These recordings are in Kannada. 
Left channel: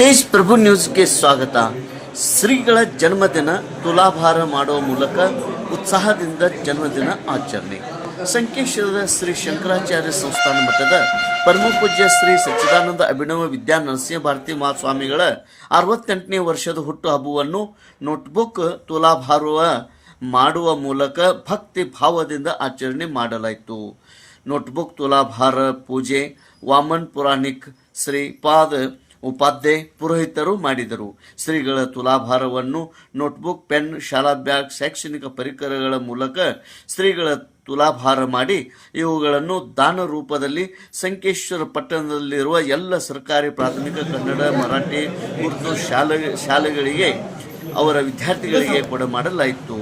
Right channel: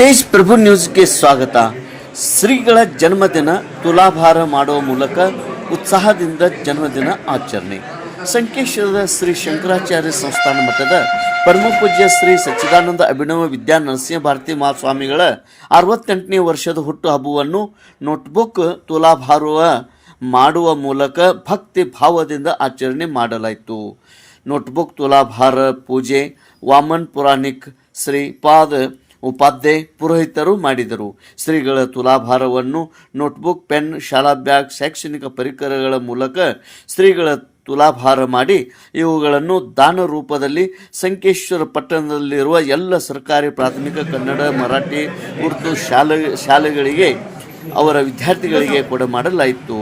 ತೇಜ್ ಪ್ರಭು ನ್ಯೂಸ್ಗೆ ಸ್ವಾಗತ. ಶ್ರೀಗಳ ಜನ್ಮದಿನ ತುಲಾಭಾರ ಮಾಡುವ ಮೂಲಕ ಉತ್ಸಾಹದಿಂದ ಜನ್ಮದಿನ ಆಚರಣೆ. ಸಂಕೇಶ್ವರದ ಶ್ರೀ ಶಂಕರಾಚಾರ್ಯ ಸಂಸ್ಥಾನ ಮಠದ ಪರಮಪೂಜ್ಯ ಶ್ರೀ ಸಚ್ಚಿದಾನಂದ ಅಭಿನವ ವಿದ್ಯಾ ನರಸಿಂಹ ಭಾರತಿ ಮಹಾಸ್ವಾಮಿಗಳ 68ನೇ ವರ್ಷದ ಹುಟ್ಟುಹಬ್ಬವನ್ನು ನೋಟ್ಬುಕ್ ತುಲಾಭಾರ ಮಾಡುವ ಮೂಲಕ ಭಕ್ತಿ ಭಾವದಿಂದ ಆಚರಣೆ ಮಾಡಲಾಯಿತು. ನೋಟ್ಬುಕ್ ತುಲಾಭಾರ ಪೂಜೆ ವಾಮನ್ ಪುರಾಣಿಕ್ ಶ್ರೀಪಾದ ಉಪಾಧ್ಯಾಯ ಪುರೋಹಿತರು ಮಾಡಿದರು. ಶ್ರೀಗಳ ತುಲಾಭಾರವನ್ನು ನೋಟ್ಬುಕ್, ಪೆನ್, ಶಾಲಾ ಬ್ಯಾಗ್, ಶೈಕ್ಷಣಿಕ ಪರಿಕರಗಳ ಮೂಲಕ ಶ್ರೀಗಳ ತುಲಾಭಾರ ಮಾಡಿ ಇವುಗಳನ್ನು ದಾನ ರೂಪದಲ್ಲಿ ಸಂಕೇಶ್ವರ ಪಟ್ಟಣದಲ್ಲಿರುವ ಎಲ್ಲ ಸರ್ಕಾರಿ ಪ್ರಾಥಮಿಕ ಕನ್ನಡ, ಮರಾಠಿ, ಉರ್ದು ಶಾಲೆಗಳಿಗೆ ಅವರ ವಿದ್ಯಾರ್ಥಿಗಳಿಗೆ ಕೊಡಮಾಡಲಾಯಿತು.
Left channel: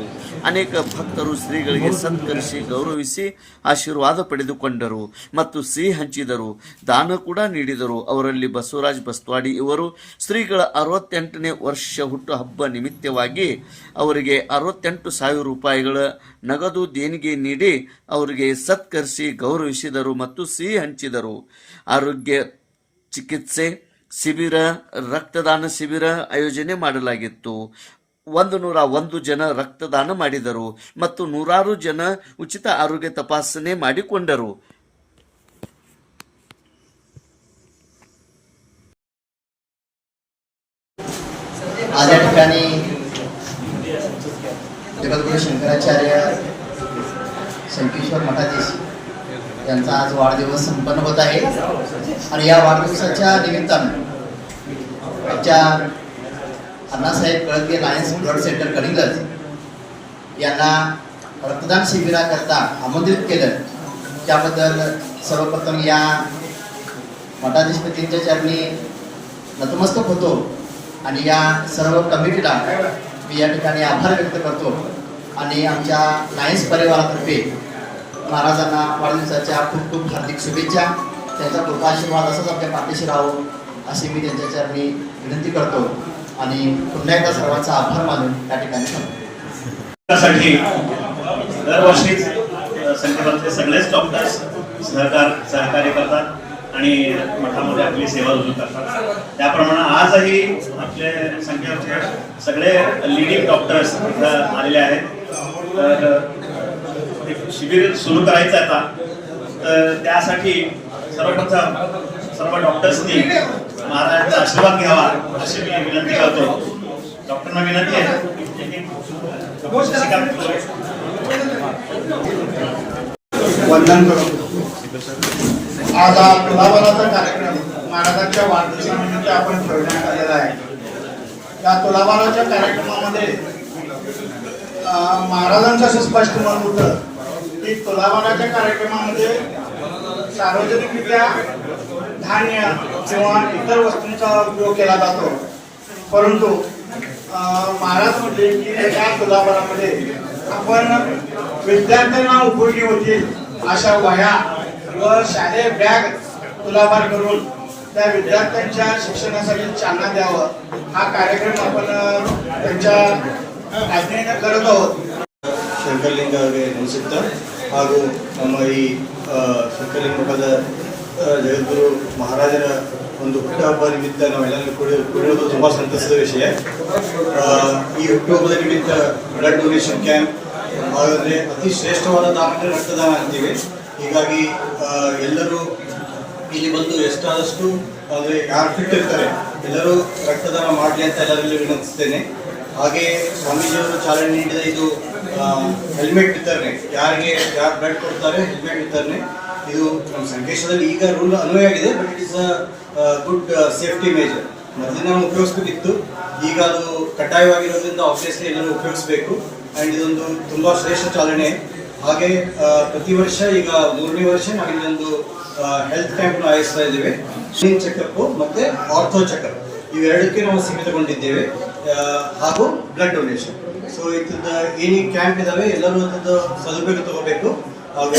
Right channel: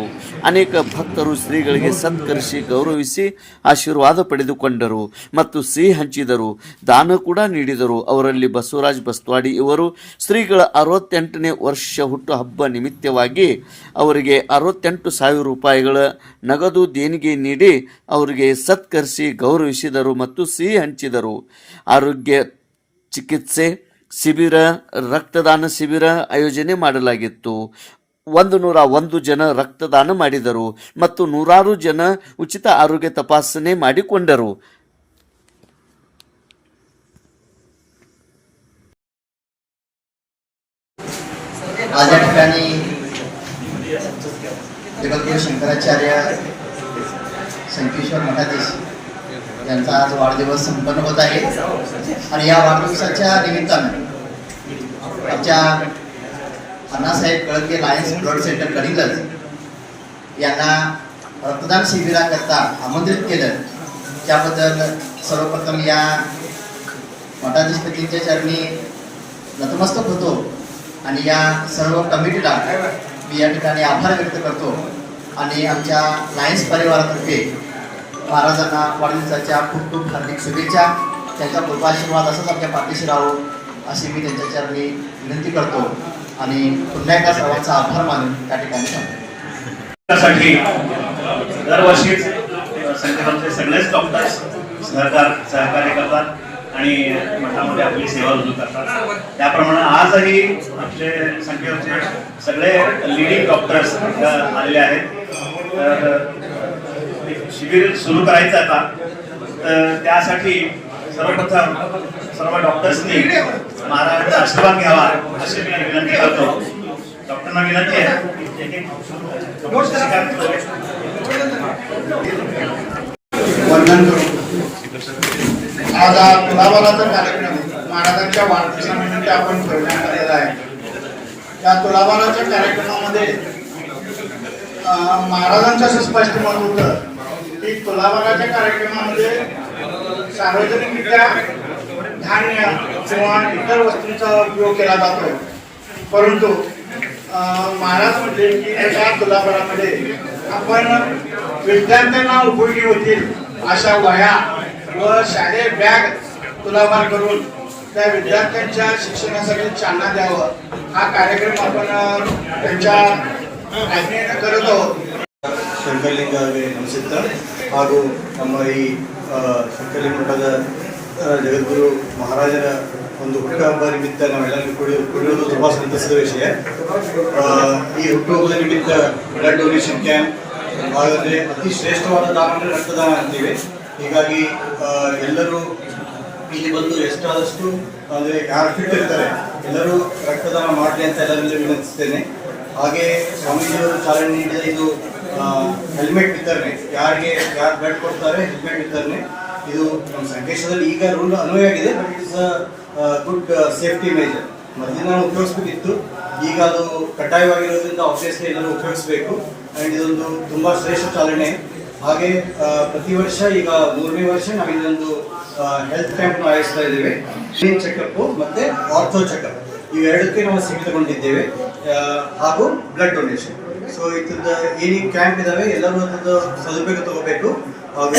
ಅನೇಕ ಭಕ್ತರು ಶ್ರೀಗಳಿಗೆ ಸತ್ಕರಿಸಿ ಗೌರವಿಸಿ ಆಶೀರ್ವಾದ ಪಡೆದುಕೊಂಡರು ಮತ್ತು ಸಿಹಿ ಹಂಚಿದರು, ದಾನ ಕೂಡ ನೀಡಿದರು. ಅವರಲ್ಲಿ ಬಸವರಾಜ್ ಬಸ್ತವಾಡಿ ಇವರು ಶ್ರೀಗಳ 68ನೇ ವರ್ಷ ಹುಟ್ಟುಹಬ್ಬ ನಿಮಿತ್ತವಾಗಿ ಅವರಿಗೆ 68,000 ರೂಪಾಯಿಗಳ ನಗದು ದೇಣಿಗೆ ನೀಡಿ ಅವರಿಗೆ ಸತ್ಕರಿಸಿ ಗೌರವಿಸಿದರು ಮತ್ತು ಸಿಹಿ ಹಂಚಿದರು. ಆರೋಗ್ಯ ಚಿಕಿತ್ಸೆ ಶಿಬಿರ, ರಕ್ತದಾನ ಶಿಬಿರ ಆಯೋಜನೆ ಮಾಡಲಾಗಿತ್ತು. 101 ಜನ ರಕ್ತದಾನ ಮಾಡಿದರು ಮತ್ತು 100 ಜನ ಉಚಿತ ಆರೋಗ್ಯ ತಪಾಸಣೆ ಮಾಡಿಕೊಂಡರು. आज या ठिकाणी जगद्गुरु शंकराचार्य संकेश्वर मठाधीश यांचा आज वाढदिवस संपन्न होत आहे आणि या वाढदिवसाच्या निमित्ताने आमच्या अण्णासाहेब कळगे लायन्स ब्लड सेंटर कडिंगलज यांना रक्तदान शिबिराकरता आमंत्रित केलं. त्याबद्दल सर्वप्रथम या मठाधीशपतींच्या चरणी नतमस्तक होतो आणि या सर्व कमिटीला मी या ठिकाणी आभार व्यक्त करतो आणि आमच्या लायन्स परिवारातर्फे महाराजांना वाढदिवसाच्या खूप खूप हार्दिक शुभेच्छा. त्यांचा कृपाशीर्वाद असंच आपल्या पाठीशी राहो अशी मी त्यांच्या चरणी विनंती करतो आणि पुन्हा एकदा सर्वांचा आभार मानून त्या ठिकाणी त्यासाठी दरवर्षीच संकटाचे सगळेच डॉक्टर्स सहकार्य करतात आणि मठामध्ये आपली सेवा रुजू करतात. त्याप्रमाणे आजही आपले संख्येचे सगळे लीडिंग डॉक्टर्स आलेले आहेत. तर शिबिर सुरू करायचं आता, तर त्यासाठी सर्वप्रथम सर्व डॉक्टर्सनी महाराजांचा आशीर्वाद घ्यावा अशी मी विनंती करतो. डॉक्टरांना विनंती आहे. वंदन करू. आज हा तुलाभाराचा कार्यक्रम महाराजांच्या वाढदिवसानिमित्त आपण ठेवण्यात आलेला आहे. या तुलाभाराच्या कार्यक्रमामध्ये महाराजांचं असं स्पष्ट मत होतं की तुलाभाराच्या कार्यक्रमामध्ये सार्वजनिकरित्या धान्य किंवा इतर वस्तूंचा उपयोग केला जातो, परंतु महाराज म्हटले की या तुलाभारामध्ये आपण विद्यार्थ्यांना उपयोगी होतील अशा वह्या व शालेय बॅग तुलाभार करून त्या विद्यार्थ्यांच्या शिक्षणासाठी चालना द्यावं हा कार्यक्रम आपण त्यांच्या आज्ञेने करत आहोत. ಶಂಕರಲಿಂಗರಿಗೆ ನಮಸ್ಕಾರ ಹಾಗೂ ನಮ್ಮ ಈ ಶಂಕರಲಿಂಗ ಮಠದ ಜಗದ್ಗುರು ಮಹಾರಾಜರ ಒಂದು ಹುಟ್ಟುಹಬ್ಬ ನಿಮಿತ್ತ ನಾವೆಲ್ಲರೂ ಕೂಡಿರೋದು ತುಂಬ ಸಂತಸದ ವಿಷಯ. ಈ ಹುಟ್ಟುಹಬ್ಬದ ನಿಮಿತ್ತ ಬ್ಲಡ್ ಡೊನೇಷನ್ ಕ್ಯಾಂಪ್ ಹಾಗಾದರೆ ಅತಿ ಶ್ರೇಷ್ಠವಾದ ದಾನ ಅಂದರೆ ರಕ್ತದಾನ ಅಂತೀವಿ. ಹೀಗಾಗಿ ಎಲ್ಲರೂ ಇಲ್ಲಿ ಬಂದು ಎಷ್ಟಾದಷ್ಟು ಅಂದರೆ ಯಾರು ಫಿಟ್ ಇರ್ತಾರೆ ಎಲ್ಲರೂ ರಕ್ತದಾನ ಮಾಡಲಿ ಅಂತ ಎಲ್ಲರಲ್ಲಿ ವಿನಂತಿಸ್ತೇನೆ. ಹಾಗೆ ಸ್ವಾಮೀಜಿಯವರು ಚಾಲನೆ ನೀಡಿದ ಇದು ಹೆಲ್ಮೆಟ್ ವಿತರಣೆ, ಯಾರು ಬ್ಲಡ್ ಕೊಡ್ತಾರೆ ಹೆಲ್ಮೆಟ್ ವಿತರಣೆ, ಇದು ನಮ್ಮ ಸಂಕೇಶದಲ್ಲಿ ಈಗ ರೂಲ್ ಅನ್ವಯ ಆಗಿದೆ. But it is a good safety major. ಮೊದಲಿನ ನಾವು ಉಪಯೋಗಿಸ್ಬೇಕಿತ್ತು, ಈಗ ಅದು ಕಡ್ಡಾಯವಾಗಿರೋದ್ರಿಂದ ಆಬ್ವಿಯಸ್ಲಿ ಎಲ್ಲರೂ ಉಪಯೋಗಿಸಬೇಕು. ಆ್ಯಂಡ್ ಇದೊಂದು ತುಂಬ ಶ್ರೇಷ್ಠ ಚಾಲನೆ. ಹಾಗೆ ಪ್ರತಿ ವರ್ಷ ಈಗ 3ನೇ ವರ್ಷ ನಾವಿಲ್ಲೊಂದು ಹೆಲ್ತ್ ಕ್ಯಾಂಪ್ನ ಆಯೋಜಿಸ್ತಾ ಇದ್ದೇವೆ. ಕ್ಲೀನ್ ಚೆಕಪ್ ಮತ್ತು ಆರ್ಥೋ ಚೆಕಪ್ ಇವೆರಡಕ್ಕೆ ನಾವು ಸೀಮಿತಗೊಂಡಿದ್ದೇವೆ, ಹಾಗೂ ಬ್ಲಡ್ ಡೊನೇಷನ್. ಸೊ ಇದ್ರದ್ದು ಏನೇ ಕ್ಯಾಂಪ್ ಇದ್ದಾವೆ ಎಲ್ಲರೂ ಅದ್ರದ್ದು ಸದುಪಯೋಗ ತಗೋಬೇಕು.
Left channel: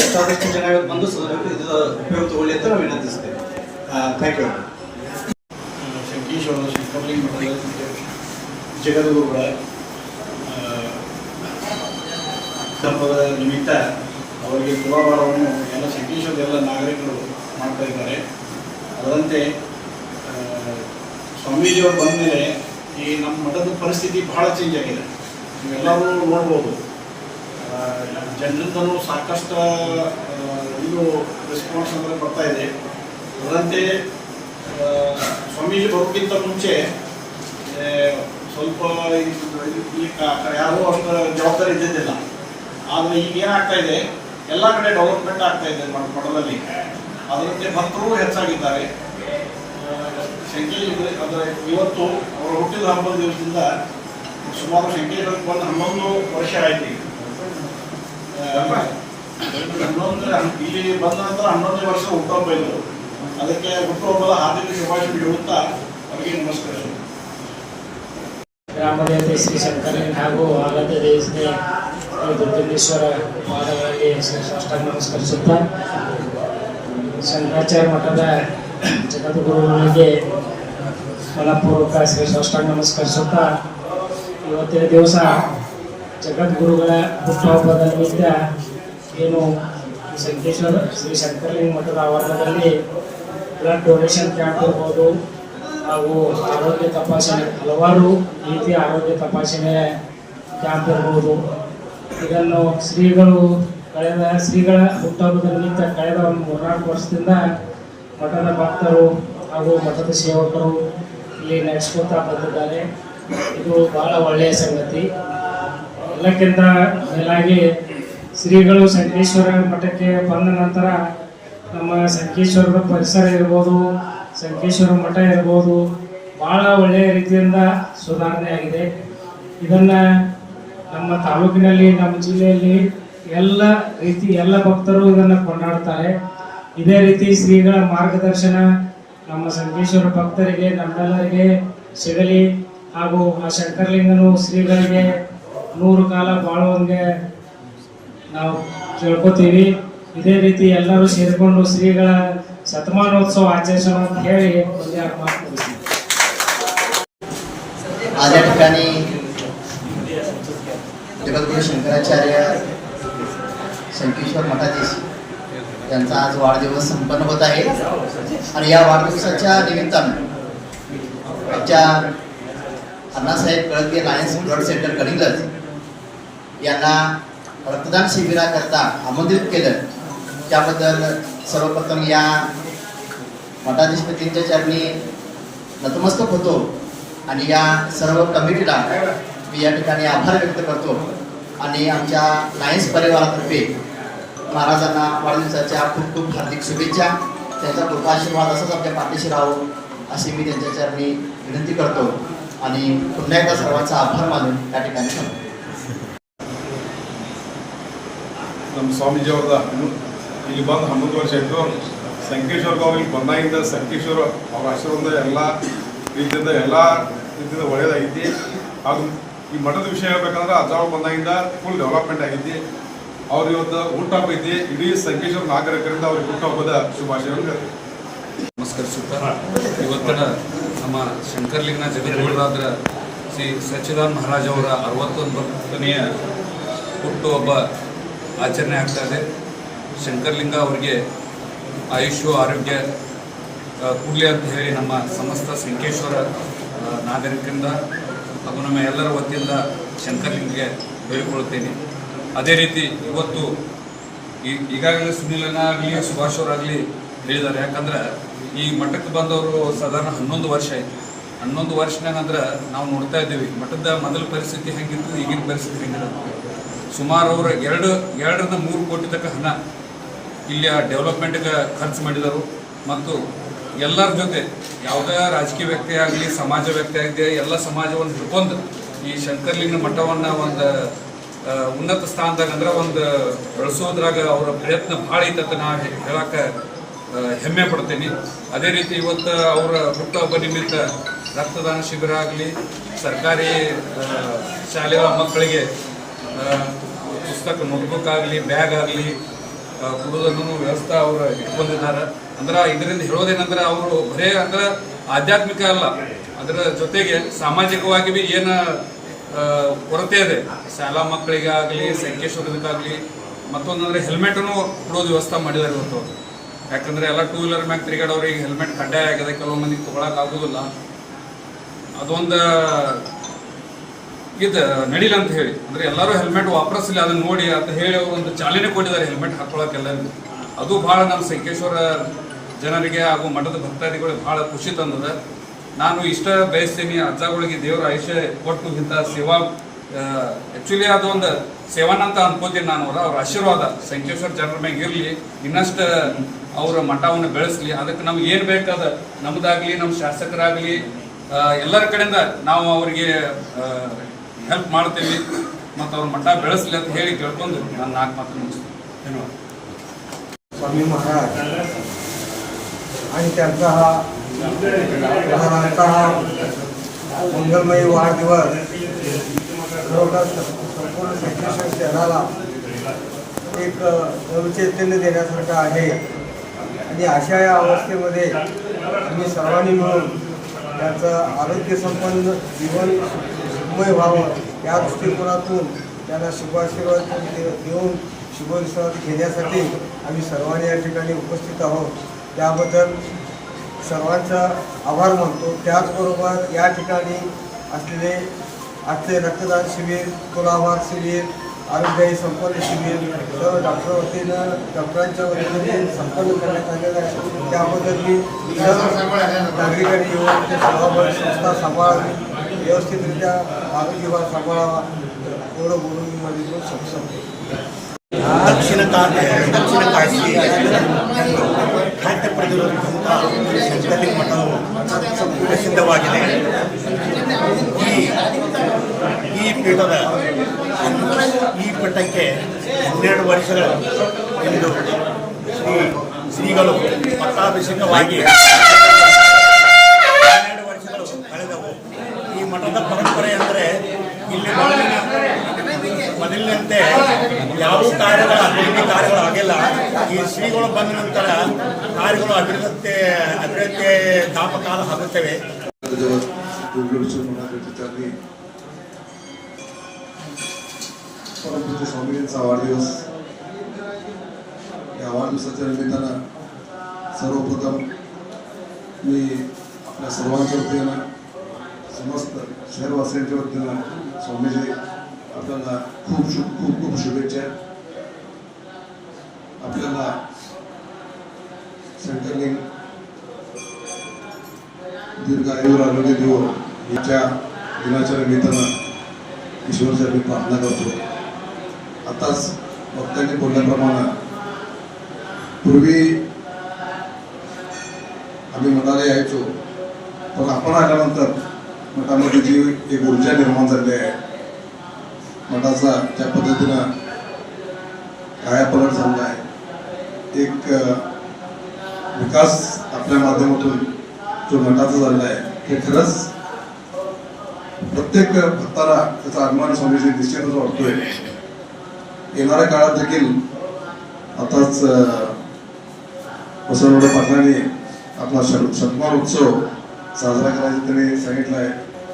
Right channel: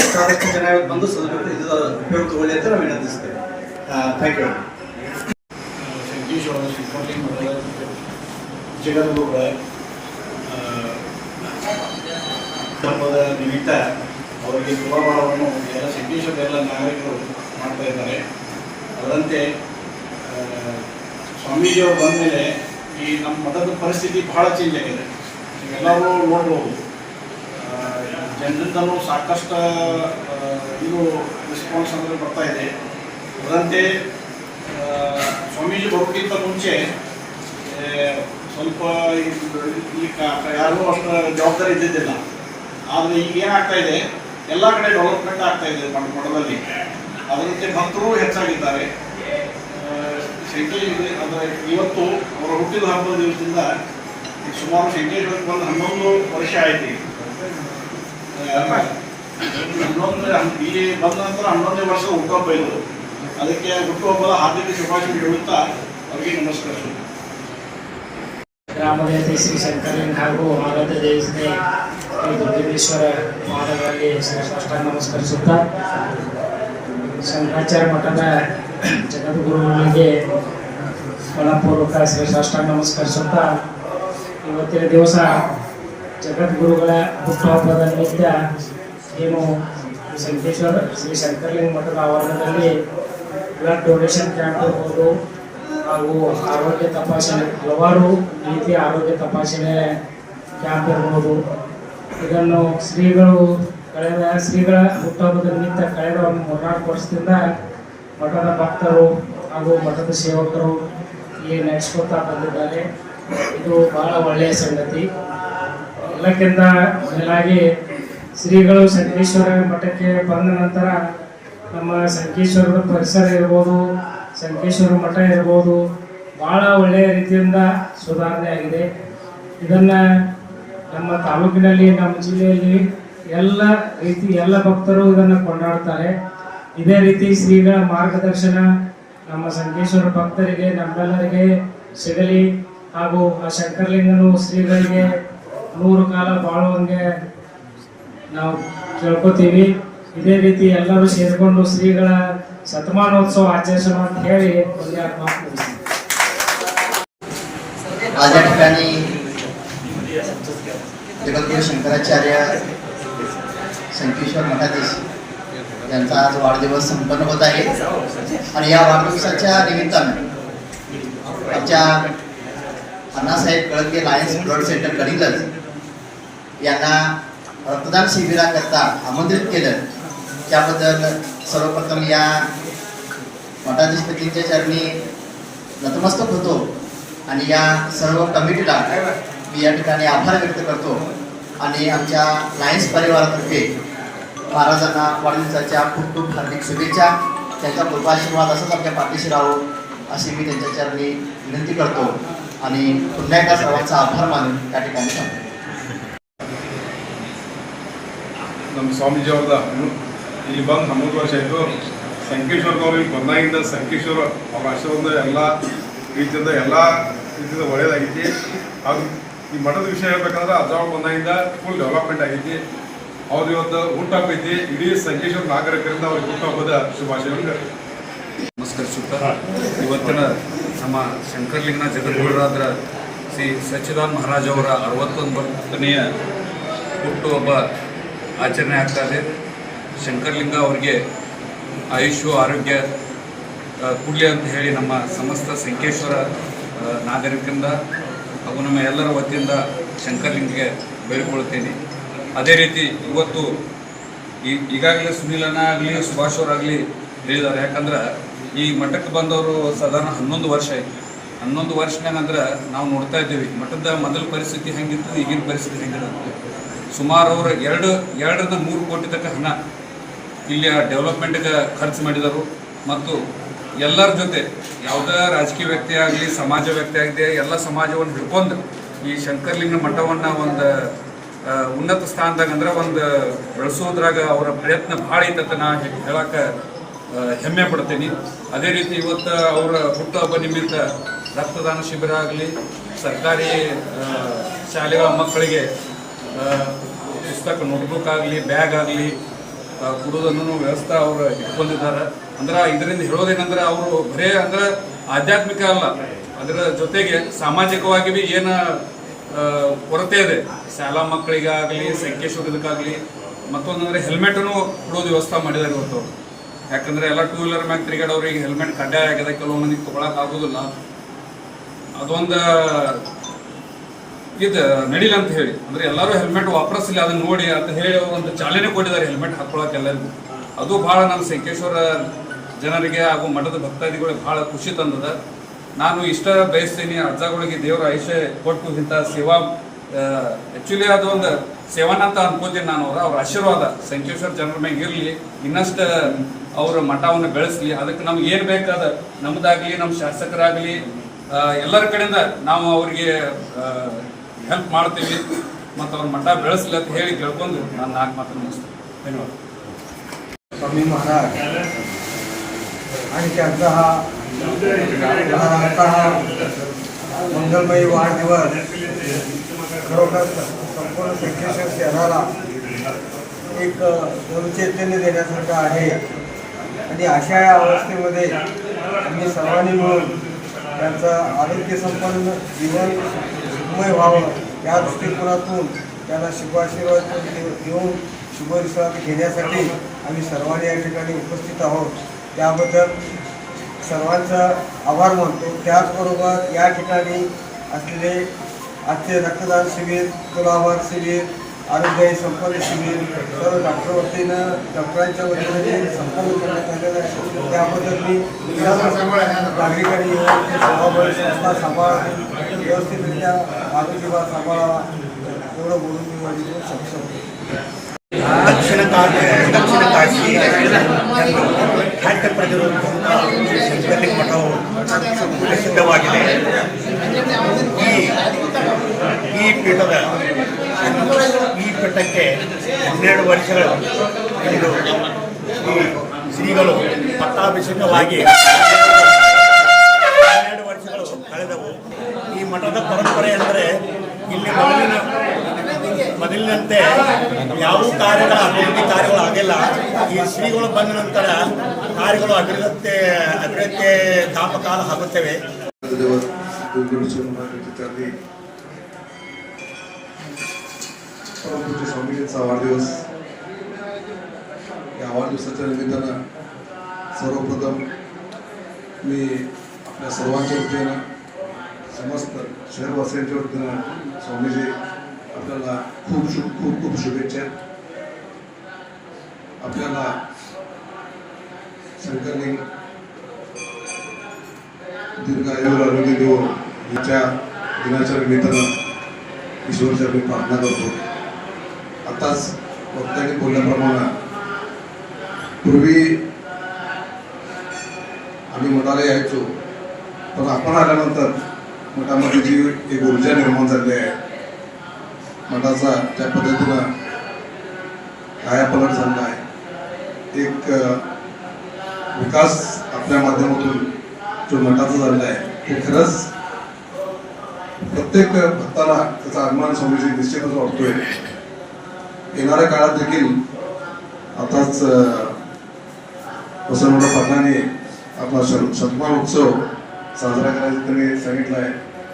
ಎಷ್ಟಾದಷ್ಟು ಜನ ಇವತ್ತು ಬಂದು ಇದರ ಉಪಯೋಗ ತಗೊಳ್ಳಿ ಅಂತ ನಾವು ವಿನಂತಿಸ್ತೇವೆ. Thank you. ಸಂಕೇಶ್ವರದ ಶಂಕರಲಿಂಗ ಜಗದ್ಗುರುಗಳ ಧರ್ಮದ ನಿಮಿತ್ತ ಅವರಿಗೆ ತುಲಾಭಾರವನ್ನು ಎಲ್ಲ ಸಂಕೇಶ್ವರದ ಎಲ್ಲ ನಾಗರಿಕರು ಮಾಡ್ತಾ ಇದ್ದಾರೆ. ಅದರಂತೆ ಸ್ವಾಮೀಜಿಯವರು ಬಂದ ಮೇಲೆ ಈ ನಮ್ಮ ಮಠದ ಪರಿಸ್ಥಿತಿ ಬಹಳ ಚೇಂಜ್ ಆಗಿದೆ. ನೀವೆಲ್ಲರೂ ನೋಡ್ಬೋದು, ಜನರಿಂದಲೂ ಸಾಕಷ್ಟು ಇದು ರೆಸ್ಪಾನ್ಸ್ ಅಂದರೆ ಬರ್ತಾ ಇದೆ. ಅದರಂತೆ ಸ್ವಾಮೀಜಿ ಬರೋಕ್ಕಿಂತ ಮುಂಚೆ ಸ್ವಲ್ಪ ಇಲ್ಲಿ ಯಾರೂ ಅಷ್ಟು ಜವಾಬ್ದಾರಿ ಇದ್ದಿದ್ದಿಲ್ಲ. ಆದರೆ ಈಗ ಏನಾಗ್ತಾ ಇದೆ, ಎಲ್ಲ ಕಡೆ ಡೆವಲಪ್ಮೆಂಟ್ ಆಗ್ತಾ ಇದೆ ಮಠದಲ್ಲಿ. ಅದರಂತೆ ಭಕ್ತರು ಹೆಚ್ಚಾಗಿದ್ದಾರೆ. ಅಂದರೆ ಇವತ್ತು ಅವರ ಹುಟ್ಟಿದ ಹಬ್ಬದ ದಿವಸದಿಂದ ಸುಮಾರು ಸಂಕೇಶ್ವರಕ್ಕೆ ಬಂದು 11 ವರ್ಷ ಆಯ್ತು. 11 ಇಲ್ಲಿ ಬಂದ ನಂತರ 11ನೇ ವರ್ಷ ಹುಟ್ಟುಹಬ್ಬ ಇತ್ತು. ಅದಕ್ಕೆ ಹುಟ್ಟುಹಬ್ಬದ ಹಾರ್ದಿಕ ಶುಭಾಶಯ ಹೇಳುತ್ತಾ ಅವರಿಗೆ ನಮಸ್ಕರಿಸುವುದು. ಗ್ರಾಮದೇವತೆ ಶ್ರೀ ಶಂಕರಲಿಂಗ ಹಾಗೂ ಆರಾಧ್ಯ ದೇವತೆ ಶ್ರೀ ದುರ್ಗೇಶ್ವರ ಪಾದಗಳಲ್ಲಿ ಸಾಷ್ಟಾಂಗ ನಮಸ್ಕರಿಸುತ್ತಾ, ಶಂಕರಾಚಾರ್ಯ ಮಠದ ಜಗದ್ಗುರುಗಳಿಗೆ ಮನಪೂರ್ವಕ ಶ್ರೀ ಸಾಷ್ಟಾಂಗ ನಮಸ್ಕರಿಸುತ್ತಾ, ಇವತ್ತಿನ ದಿವಸ ಜಗದ್ಗುರುಗಳ ಹುಟ್ಟುಹಬ್ಬದ ನಿಮಿತ್ತ ಏನು ಸಂಕೇಶ್ವರ ಶ್ರೀ ಶಂಕರಲಿಂಗ ಮಠದ ಆವರಣದಲ್ಲಿ ಬ್ಲಡ್ ಡೊನೇಷನ್ ಕ್ಯಾಂಪ್ ಇರ್ಬೋದು, ಹಾಗೂ ಆರೋಗ್ಯ ತಪಾಸಣೆ, ಹಲವಾರು ರೀತಿಯ ಆರೋಗ್ಯ ತಪಾಸಣೆ ಕ್ಯಾಂಪ್ ಇರ್ಬೋದು. ಇದನ್ನು ಶ್ರೀಗಳ ಹುಟ್ಟುಹಬ್ಬದ ನಿಮಿತ್ತ ಕಳೆದ ಒಂದು 3-4 ವರ್ಷದಿಂದ ಮಠದ ಭಕ್ತರು ಹಾಗೂ ಮಠದ ಸೇವಕರು ಇಲ್ಲಿ ನಡೆಸ್ಕೊತಾ ಬಂದಿದ್ದಾರೆ. ಇದು ಬಹಳ ಒಳ್ಳೆಯ ಸಂಗತಿ. ಎಲ್ಲಕ್ಕಿಂತ ಮೇಲಾಗಿ ಶ್ರೀಗಳು ಸಂಕೇಶ್ವರ ಮಠಕ್ಕೆ ಬಂದ ನಂತರ ನಮ್ಮ ಸಂಕೇಶ್ವರದ ಪರಿಸರ ಇರ್ಬೋದು, ಸಂಕೇಶ್ವರ ಮಠ ಇರ್ಬೋದು, ಭಾಳ ಒಳ್ಳೆಯ ರೀತಿಯಿಂದ ಸುಧಾರಣೆ ಆಗಿದೆ. ಇದನ್ನು ನಮ್ಮ ತಾಲೂಕಿನಲ್ಲಿ, ನಮ್ಮ ಜಿಲ್ಲೆಯಲ್ಲಿ ಎಲ್ಲ ಭಕ್ತರು ಇದನ್ನು ಕೊಂಡಾಡ್ತಾರೆ. ಇದೇ ರೀತಿ ಶ್ರೀಗಳ ಮಾರ್ಗದರ್ಶನ ನಮ್ಮ ಸಂಕೇಶ್ವರ ಭಕ್ತರಿಗೆ, ನಮ್ಮೆಲ್ಲರಿಗೆ ಸಿಗಲಿ. ಹಾಗೂ ಆ ಶಂಕರಲಿಂಗನು ಶ್ರೀಗಳಿಗೆ 100 ಕಾಲ ಬಾಳುವಂಗೆ ನಾವು ಕೇಳ್ಕೊತೀವಿ. ಇದೇ ರೀತಿ ಎಲ್ಲರೂ ಸೇರಿಕೊಂಡು ಶ್ರೀಗಳ ಶತಮಾನೋತ್ಸವ ಆಚರಿಸೋಣ ಅಂತ ಹೇಳಿ ಒಂದೆರಡು ಮಾತು ಮುಗಿಸ್ತೀವಿ. आज या ठिकाणी जगद्गुरु शंकराचार्य संकेश्वर मठाधीश यांचा आज वाढदिवस संपन्न होत आहे. आणि या वाढदिवसाच्या निमित्तानं आमच्या अण्णासाहेब कळगे लायन्स ब्लड सेंटर कडीलच यांना रक्तदान शिबिराकरता आमंत्रित केलं. त्याबद्दल सर्वप्रथम या मठाधीशपतींच्या चरणी नतमस्तक होतो आणि या सर्व कमिटीला मी या ठिकाणी आभार व्यक्त करतो. आणि आमच्या लायन्स परिवारातर्फे महाराजांना वाढदिवसाच्या खूप खूप हार्दिक शुभेच्छा. त्यांचा कृपाशीर्वाद असंच आपल्या पाठीशी राहो अशी मी त्यांच्या चरणी विनंती करतो. आणि पुन्हा एकदा सर्वांचा आभार मानून या ठिकाणी सांगतो. ನಮ್ಮ ಸ್ವಾಮೀಜಿಯವ್ರದ ಇಲ್ಲಿ ಬಂದು 11 ವರ್ಷ ಆಯಿತು. ಸಂಕೇಶ್ವರದವ್ರು ಇಲ್ಲಿ ಬಂದಾಗಿಂದ ಸಂಕೇಶ್ವರ ಅವ್ರ ಆಶೀರ್ವಾದ ಎಲ್ಲ ರೀತಿಯಿಂದ ಒಳ್ಳೆಯದಾಗೈತಿ. ಹಾಗೂ ಈ ಮಠದ ವಿಷಯ ಹೇಳ್ಬೇಕಂದ್ರೆ ಅಜ್ಜಾವ್ ಬಂದಾಗಿಂದ ಫುಲ್ ಡೆವಲಪ್ಮೆಂಟ್ ಆಗೈತಿ. ಅವ್ರು ಇವತ್ತು ಹುಟ್ಟುಹಬ್ಬ ಐತಿ. ಇಡೀ ಸಂಕೇಶ್ವರ ನಾಗರಿಕರಿಂದ ಅವ್ರಿಗೆ ಹುಟ್ಟುಹಬ್ಬದ ಶುಭಾಶಯವನ್ನು ನಮಸ್ಕರಿಸುತ್ತಾ, ಇವತ್ತಿನ ನಮ್ಮ ಶಂಕರಲಿಂಗನ ಜಗದ್ಗುರುರಾದ ಶ್ರೀ ಸಚ್ಚಿದಾನಂದ ಮಹಾರಾಜ್ ಅವರ 61ನೇ ಹುಟ್ಟುಹಬ್ಬ ಆಚರಣೆ ಆಗ್ತಾಯಿದೆ. ಶಂಕರಲಿಂಗ ಅವರಿಗೆ ಆಯುಷ್ಯ ಆರೋಗ್ಯ ಕೊಡಲಿ ಅಂತ ಹೇಳಿ ನಮ್ಮ ಸಮಸ್ತ ಸಂಕೇಶ್ವರ ನಾಗರಿಕರಿಂದ ಹಾಗೂ ನಮ್ಮ ಎಲ್ಲರ ವತಿಯಿಂದ ಶಂಕರಲಿಂಗಗೆ ಬೇಡಿಕೊಳ್ಳುತ್ತೇನೆ. ಅದೇ ರೀತಿ ಇವತ್ತು ಈಗಾಗಲೇ ಸುನೀಲನ ಆಗಲಿ ಸುಭಾಷ್ ಅವರಾಗಲಿ ಹೇಳಿದ್ದಾರೆ. ಯಾಕಂದ್ರೆ ಈ ಮಠಕ್ಕೆ ಬಂದವರು ಸಾಧಾರಣ 11 ವರ್ಷ ಆಯಿತು. 11 ವರ್ಷನಾಗ ಅಂದ್ರೆ ನಾವು ನೋಡ್ತಾ ಇದ್ದೀವಿ ಮಠದ ಮೊದಲ ಪರಿಸ್ಥಿತಿ ಹೆಂಗಿತ್ತು, ಈಗಿನ ಪರಿಸ್ಥಿತಿ ಹೆಂಗಿರುತ್ತೆ. ಸುಮಾರು ಅವರು 2ರಿಂದ 3 ಕೋಟಿ ತನಕ ಹಣ ಇಲ್ಲಿಯ ಡೆವಲಪ್ಮೆಂಟ್ಗೆ ಖರ್ಚು ಮಾಡಿದರು. ಮತ್ತು ಎಲ್ಲರ ಜೊತೆ ಯಾವುದೇ ರಾಜಕೀಯ ವ್ಯಕ್ತಿ ಆಗಲಿ, ಸಮಾಜ ವ್ಯಕ್ತಿ ಆಗಲಿ, ಎಲ್ಲ ಸಮಾಜವನ್ನು ಹಿಡ್ಕೊಂಡು ಈ ಶಂಕರಲಿಂಗ ಮಠವನ್ನು ಒಂದು ಉನ್ನತ ಸ್ಥಾನದಾಗ ಅಂದ್ರೆ ಒಂದು ಬೆಳೆಸೋದ್ರಾಗ ಅವರ ಪ್ರಯತ್ನ ಭಾಳ ಐತಂತ ನಾ ಹೇಳಕ್ಕೆ ಹೆಮ್ಮೆ ಪಡ್ತೀನಿ. ಅದೇ ರೀತಿ ಇವತ್ತು ಅವರ ಹುಟ್ಟುಹಬ್ಬ ನಿಮಿತ್ತ ರಕ್ತದಾನ ಶಿಬಿರ ಆಗಲಿ, ಸರ್ಕಾರಿ ಶಾಲೆಗಳ ಮಕ್ಕಳಿಗೆ ಪುಸ್ತಕ ನೋಟ್ಬುಕ್ ಆಗಲಿ, ಬ್ಯಾಗ್ ಆಗಲಿ ಕೊಡೋದನ್ನು ವ್ಯವಸ್ಥೆ ಅವರು ಇಟ್ಕೊಂಡಿದ್ದಾರೆ. ಅಂದ್ರೆ ಇದರಿಂದ ಹೇಳೋದೇನಂದ್ರೆ ಅವರು ಬರೇ ಅಂದ್ರೆ ಆಧ್ಯಾತ್ಮಿಕ ಅಲ್ಲ, ಅದರ ಜೊತೆಗೆ ಸಾಮಾಜಿಕವಾಗಿ ಭೀ ಏನು ಕೊರತೆ ಇದೆ ಶಾಲಾ ಮಕ್ಕಳಿಗಾಗಲಿ, ಸಂಕೇಶ್ವರದಕ್ಕಾಗಲಿ, ಮತ್ತೊಂದಂದ್ರೆ ಹೆಲ್ಮೆಟನ್ನು ಕೊಡೋದು ವ್ಯವಸ್ಥೆ ಮಾಡಿದ್ದಾರೆ ಇವತ್ತು. ಯಾಕಂದರೆ ಎಲ್ಲ ಟೂ ವೀಲರ್ ಮ್ಯಾಗ ತಿರುಗಾಡೋರಿಗೆ ಹೆಲ್ಮೆಟ್ ಕಡ್ಡಾಯ ಆಗಿದೆ, ಕೆಲವು ಮಂದಿಗೆ ತೊಗೊಳಕ್ಕೆ ಆಗೋದಿಲ್ಲ. ಅದೊಂದು ಇದು ನಡಿಲ್ಲ ಅಂತ ಹೇಳಿ ಅಂದರೆ ಎಲ್ಲರೂ ಹೆಲ್ಮೆಟ್ ವಾಪರಿಸಲಿ ಅದನ್ನು ನೋಡಿ ಅಂತ ಹೇಳಿ ಅವರು ಒಂದು ಚಾಲನೆ ಕೊಟ್ಟಿದ್ದಾರೆ ಹೆಲ್ಮೆಟ್ ಹಾಕ್ಕೊಳಕ್ಕೆ ಎಲ್ಲರಿಗೂ. ಅದು ಭಾಳ ನಮ್ಮ ಸಂಕೇಶ್ವರ ಜನರಿಗೆ ಹಾಗೂ ಮಠದ ಭಕ್ತಾದಿಗಳಿಗೆ ಭಾಳ ಖುಷಿ ತಂದದ. ನಾನು ಇಷ್ಟ ಬಯಸ್ತೀನಿ, ಅಜ್ಜಗಳಿಗೆ ದೇವರ ಆಯುಷ್ಯ ಕೊಟ್ಟು ಇಂಥ ಸೇವಾ ಆ್ಯಕ್ಚುಲಿ ಅದೊಂದು ಸೇವನ ಅಂತ ಅನ್ಕೋತೀನಿ ನಾನು. ಅವ್ರ ಆಶೀರ್ವಾದ ಸಂಕೇಶ್ವರ ಜನರ ಮ್ಯಾಗ ಇರಲಿ, ಇನ್ನಷ್ಟು ಅವರ ಮಠವನ್ನು ಬೆಳೆಸಲಿ. ಅದಕ್ಕೆ ನಮ್ಗೆ ಏನು ಬೇಕಾದ ನಮ್ಮದಾಗಲಿ, ನಮ್ಮ ಶಾಸಕರಾಗಲಿ, ಎಲ್ಲರ ಕಡೆಯಿಂದ ನಾವು ಅವರಿಗೆ ಹೆಲ್ಪ್ ಮಾಡ್ತೀವಿ ಮತ್ತು ಅವ್ರ ಮಠ ಬೆಳೆಸಲಿ ಅಂತ ಹೇಳಿ ಕೇಳ್ಕೊಂಡು ನಾನು 4 ಮಾತನ್ನು ಮುಗಿಸ್ತೀನಿ. ಧನ್ಯವಾದ. स्वामी महाराज आणि त्यांचा हा मंगलमयी वाढदिवस खरोखर संपूर्ण संकेश्वर शहराला एक नवचैतन्य देण्यासारखं आहे. आणि अशा या अवस्थेमध्ये आम्ही सर्वांनी मिळून त्यांचं आरोग्यसंपन्न जीवन सुखमय व्हावं या दृष्टिकोनातून त्यांना शुभाशीर्वाद देऊन शुभविश्रांती घेण्यासाठी आम्ही सर्वांनी या ठिकाणी उपस्थित आहोत. त्याबद्दल सर्वांचा आभार मानतो. त्याचबरोबर या ठिकाणी असलेले आजचे रक्तदान शिबिर, तुलाभार शिबिर, आरोग्य संपन्न शिबिर सर्व डॉक्टरांच्या वतीने जे संपन्न करण्यात आलेलं आहे त्याबद्दल मी सर्व नागरिकांनी येऊन ते सेवाभावी संस्था सांभाळावी, व्यवस्थितरित्या आरोग्यभार सांभाळावा एवढं बोलून मी माझी दोन सक्षम दक्षिण ಕಾಶಿ ಖಾದ್ಯ ಪ್ರತಿರೋಧಕ ಸಂಕಲಿತ ಮಠವು ಪ್ರಸಿದ್ಧವಾಗಿದೆ. ಈ ಪೀಠಕ್ಕೆ 12 ವರ್ಷಗಳು ಎಂದು ಶ್ರೀಗಳು ಪಟ್ಟಾಭಿಷೇಕವಾಗಿ 12 ವರ್ಷಗಳು ಕಳೆದವು. ಈ ಮಠದ ಪರಂಪರೆ ಅಂದರೆ ಇಲ್ಲಿ ಮೊದಲಿನಂತೆ ಯಾವ ಅಭಿವೃದ್ಧಿ ಕಾರ್ಯಗಳು ಆಗಿಲ್ಲ. ಈ ಶ್ರೀಗಳು ಬಂದ ನಂತರ ಕಾರ್ಯಗಳು ಅಭಿವೃದ್ಧಿ ದಾಪಕಾಲ ಆಗುತ್ತವೆ. परमपूज्य स्वामींचा वाढदिवस. या वाढदिवसाच्या निमित्तानं सर्वप्रथम मी आपल्या सर्वांच्या वतीनं समस्त शहरवासियांच्या वतीनं स्वामीजी आपल्याला खूप शुभेच्छा. आपल्याला शंकरलिंग दीर्घायुर आरोग्य देव याच्या दिनाच्या निमित्तानं ईश्वरच्या मी प्रार्थना करतो. आताच वक्त्यांनी बोलल्याप्रमाणे पूर्वी आम्ही मठाला यायचो, पण आपण आल्यानंतर मठामध्ये जी एक ऊर्जा निर्माण झाली आहे, मठाचा ज्या पद्धतीनं कायापलट झाला आहे, एक विकास आपल्या माध्यमातून जो मठाचा झाला आहे ते खरंच प्रत्येक भक्ताला त्याचा अभिमान स्वामीजी निश्चितच वाटतोय. येणाऱ्या काळात देखील आताच वसंतराव पाटलांनी आपला शतमान उत्सव साजरा करायचा त्यांनी सांगितलं आहे.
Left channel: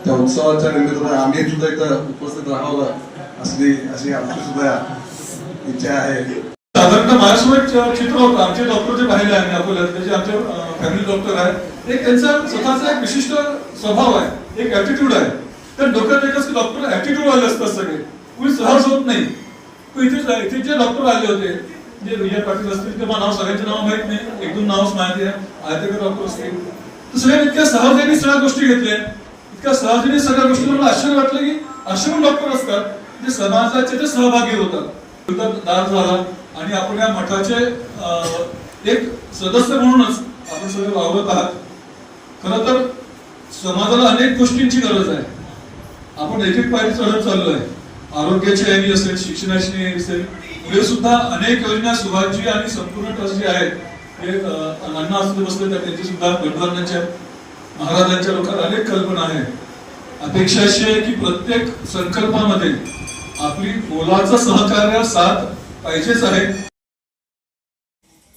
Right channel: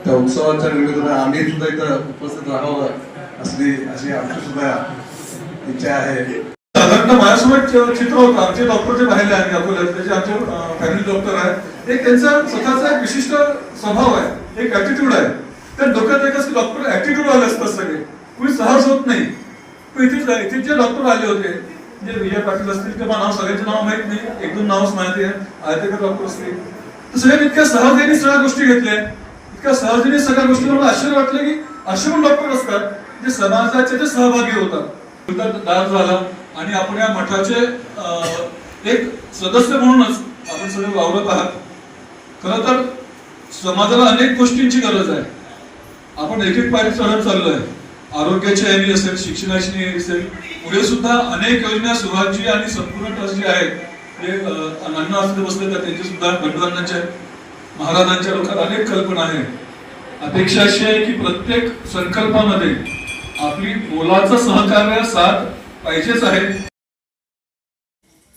त्या उत्सवाच्या निमित्तानं आम्ही सुद्धा इथं उपस्थित राहावं अशी आमची सुद्धा इच्छा आहे. साधारणतः माझ्यासोबत चित्र होतं. आमचे डॉक्टर जे पाहिले आहे अकोल्यात, त्याचे आमचे फॅमिली डॉक्टर आहेत. एक त्यांचा स्वतःचा एक विशिष्ट स्वभाव आहे, एक ऍटिट्यूड आहे. त्या डोक्यात एकच डॉक्टर ऍटिट्यूड आले असतात सगळे, कोणी सहज होत नाही. इथे जे डॉक्टर आले होते, जे विजय पाटील असतील किंवा नाव सगळ्यांचे नाव माहित नाही, 1-2 नावच माहिती आहे, आयतेकर डॉक्टर असतील, तर सगळ्यांनी इतक्या सहजतेने सगळ्या गोष्टी घेतल्या. इतक्या सहजतेने सगळ्या गोष्टी मला आश्चर्य वाटलं की असे पण डॉक्टर असतात जे समाजाचे ते सहभागी होतात. दाद झाला आणि आपण या मठाचे एक सदस्य म्हणूनच आपण सगळे वावरत आहात. खरं तर समाजाला अनेक गोष्टींची गरज आहे. आपण एक पायरी चढत चाललो आहे. आरोग्याची यादी असेल, शिक्षणाची यादी असेल, पुढे सुद्धा अनेक योजना सुभाषजी आणि संपूर्ण ट्रस्ट जे आहेत ते अण्णा असं बसले तर त्यांची सुद्धा भटकरांच्या महाराजांच्या लोकांना अनेक कल्पना आहेत. अपेक्षा अशी आहे की प्रत्येक संकल्पामध्ये आपली मोलाचं सहकार्य साथ पाहिजेच आहे.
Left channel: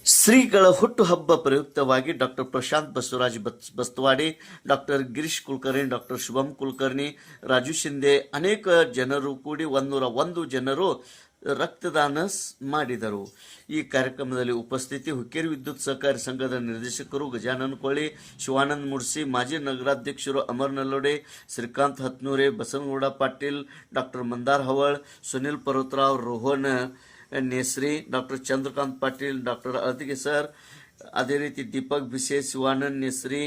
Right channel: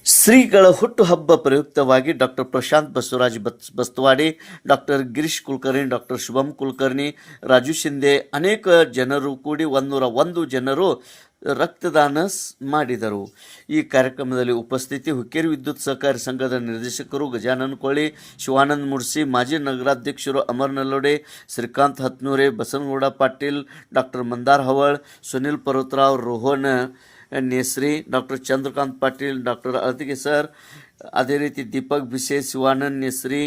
ಶ್ರೀಗಳ ಹುಟ್ಟುಹಬ್ಬ ಪ್ರಯುಕ್ತವಾಗಿ doctor Prashant Basavaraj Bastawade, doctor Girish Kulkarni, doctor Shubham Kulkarni, Raju Shinde ಅನೇಕ ಜನರು ಕೂಡಿ 101 ಜನರು ರಕ್ತದಾನ ಮಾಡಿದರು. ಈ ಕಾರ್ಯಕ್ರಮದಲ್ಲಿ ಉಪಸ್ಥಿತಿ ಹುಕ್ಕೇರಿ ವಿದ್ಯುತ್ ಸಹಕಾರಿ ಸಂಘದ ನಿರ್ದೇಶಕರು ಗಜಾನನ್ ಕೊಳ್ಳಿ, ಶಿವಾನಂದ್ ಮುಡ್ಸಿ, ಮಾಜಿ ನಗರಾಧ್ಯಕ್ಷರು Amar Nallode, Shrikant Hatnure, Basanagouda Patil, doctor Mandar Haval, Sunil Parvatrao, Rohan Nesri, doctor Chandrakant Patil, doctor ಅಳತಿಗೆ ಸರ್, ಅದೇ ರೀತಿ ದೀಪಕ್ ಬಿಸೆ, ಶಿವಾನಂದ್ ನೇಸ್ರಿ,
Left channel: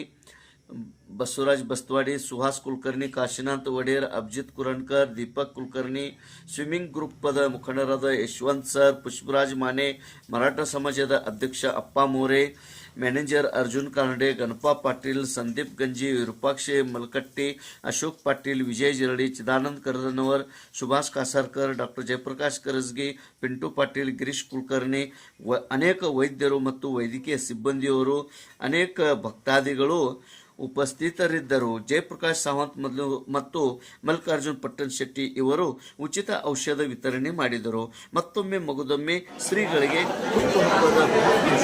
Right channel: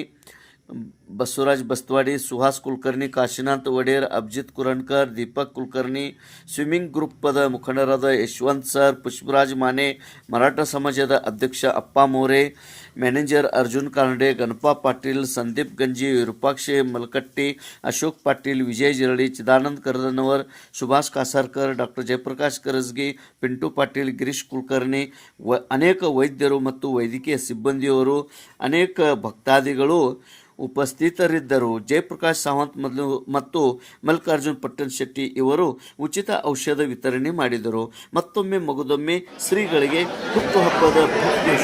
ಬಸವರಾಜ್ ಬಸ್ತವಾಡಿ, ಸುಹಾಸ್ ಕುಲಕರ್ಣಿ, ಕಾಶಿನಾಥ್ ಒಡೇರ್, ಅಭಿಜಿತ್ ಕುರಣಕರ್, ದೀಪಕ್ ಕುಲಕರ್ಣಿ, ಸ್ವಿಮ್ಮಿಂಗ್ ಗ್ರೂಪದ ಮುಖಂಡರಾದ ಯಶವಂತ್ ಸರ್, ಪುಷ್ಪರಾಜ್ ಮಾನೆ, ಮರಾಠ ಸಮಾಜದ ಅಧ್ಯಕ್ಷ ಅಪ್ಪ ಮೋರೆ, ಮ್ಯಾನೇಜರ್ ಅರ್ಜುನ್ ಕಾನಡೆ, ಗಣಪಾ ಪಾಟೀಲ್, ಸಂದೀಪ್ ಗಂಜಿ, ವಿರೂಪಾಕ್ಷ ಮಲಕಟ್ಟಿ, ಅಶೋಕ್ ಪಾಟೀಲ್, ವಿಜಯ್ ಜರಳಿ, ಚಿದಾನಂದ್ ಕರದನವರ್, ಸುಭಾಷ್ ಕಾಸಾರ್ಕರ್, ಡಾಕ್ಟರ್ ಜಯಪ್ರಕಾಶ್ ಕರಸ್ಗಿ, ಪಿಂಟು ಪಾಟೀಲ್, ಗಿರೀಶ್ ಕುಲಕರ್ಣಿ, ಅನೇಕ ವೈದ್ಯರು ಮತ್ತು ವೈದ್ಯಕೀಯ ಸಿಬ್ಬಂದಿಯವರು, ಅನೇಕ ಭಕ್ತಾದಿಗಳು ಉಪಸ್ಥಿತರಿದ್ದರು. ಜಯಪ್ರಕಾಶ್ ಸಾವಂತ್ ಮತ್ತು ಮಲ್ಲಿಕಾರ್ಜುನ್ ಪಟ್ಟಣ್ ಶೆಟ್ಟಿ ಇವರು ಉಚಿತ ಔಷಧ ವಿತರಣೆ ಮಾಡಿದರು. ಮತ್ತೊಮ್ಮೆ ಮಗದೊಮ್ಮೆ ಶ್ರೀಗಳಿಗೆ ಹುಟ್ಟುಹಬ್ಬದ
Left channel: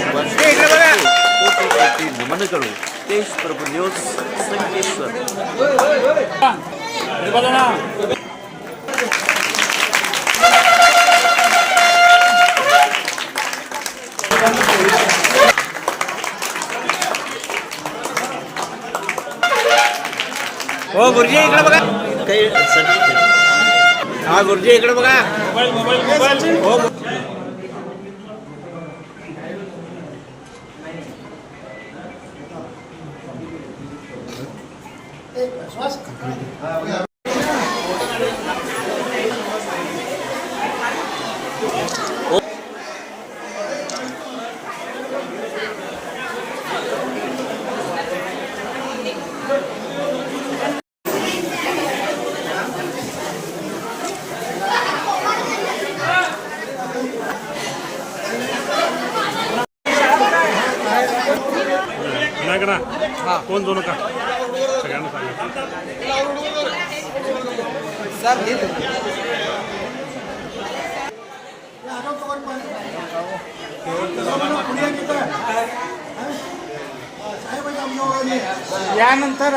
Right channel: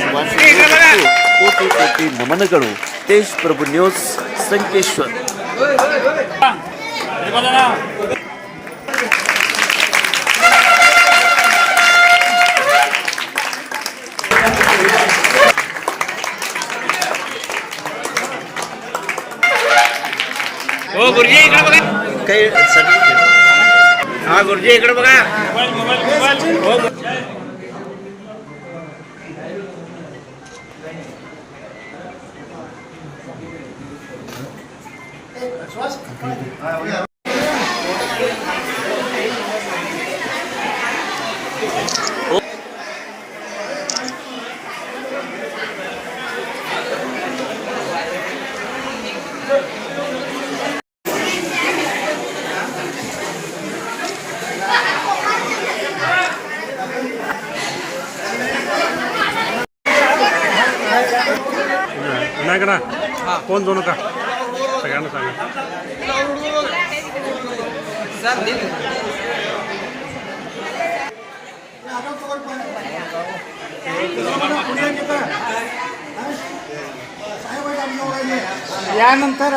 ಶುಭಾಶಯಗಳು ಮತ್ತು ಕೋಟಿ ಕೋಟಿ ನಮನಗಳು. ತೇಜ್ ಪ್ರಭು ನ್ಯೂಸ್, ಸಂಕೇಶ್ವರ್. गुरुजी इकडे बघा. काही हा गुरुजी इकडे बघा. कोण दोन का सगळ्यांना यानंतर